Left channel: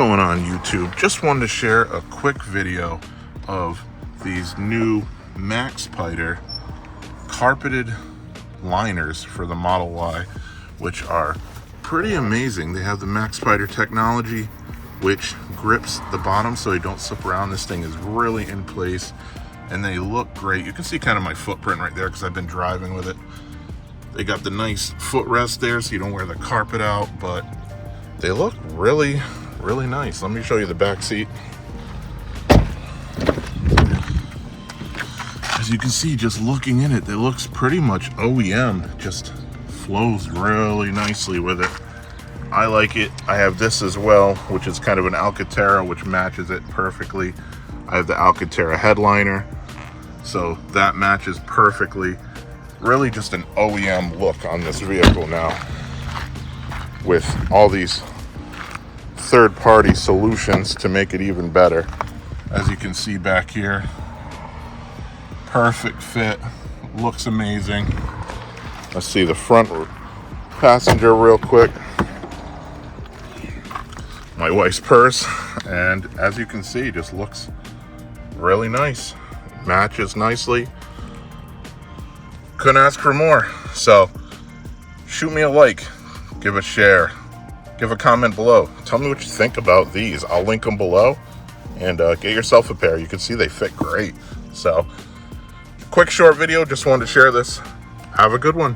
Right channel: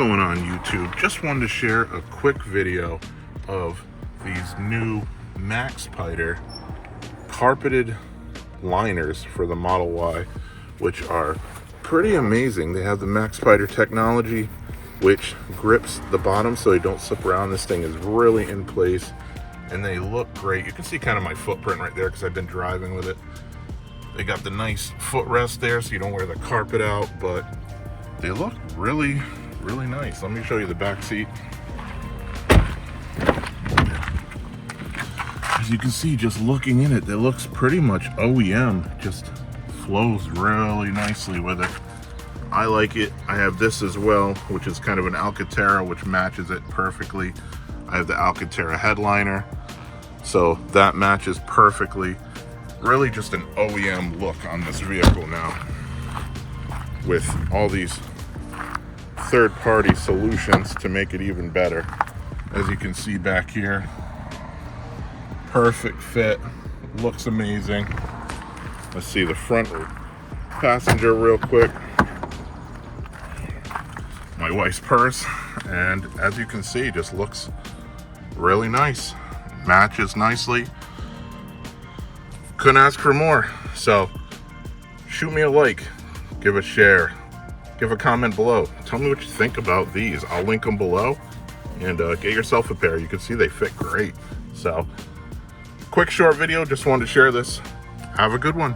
going on YouTube? Just wanted to share a quick video of these new Maxpider carpeted liners for the Model Y, which are pretty amazing. They have the Maxpider technology, which grips the bottom so they don't slip around. This thing is really in place and they look great. You can see kind of my footprint right there because I've been driving with it. They got the nice footrest there so you don't wear the carpet out, but they look really nice. Let me show you the back seat. As you can see, just looking in it, it looks pretty much OEM. Just flows really nicely with it. I like it. I have this as well, which is kind of an Alcantara, which matches it perfectly. I have the Alcantara headliner, so that matches perfectly. Really just an OEM look on this vehicle now, with all these third-party solutions to make it even better. As you can see back here, perfect fit, looks amazing. Let's see the front passenger real quick. My wife's purse, and as you can see, just looks really nice. Matches nicely. Couldn't ask for more. So shoot me a like, give a share, give a comment below. Tell me what you think about these. I'll link them below, and get yourself a pair. You can see they fit great. So quick short video, just wanted to share this. Have a good one.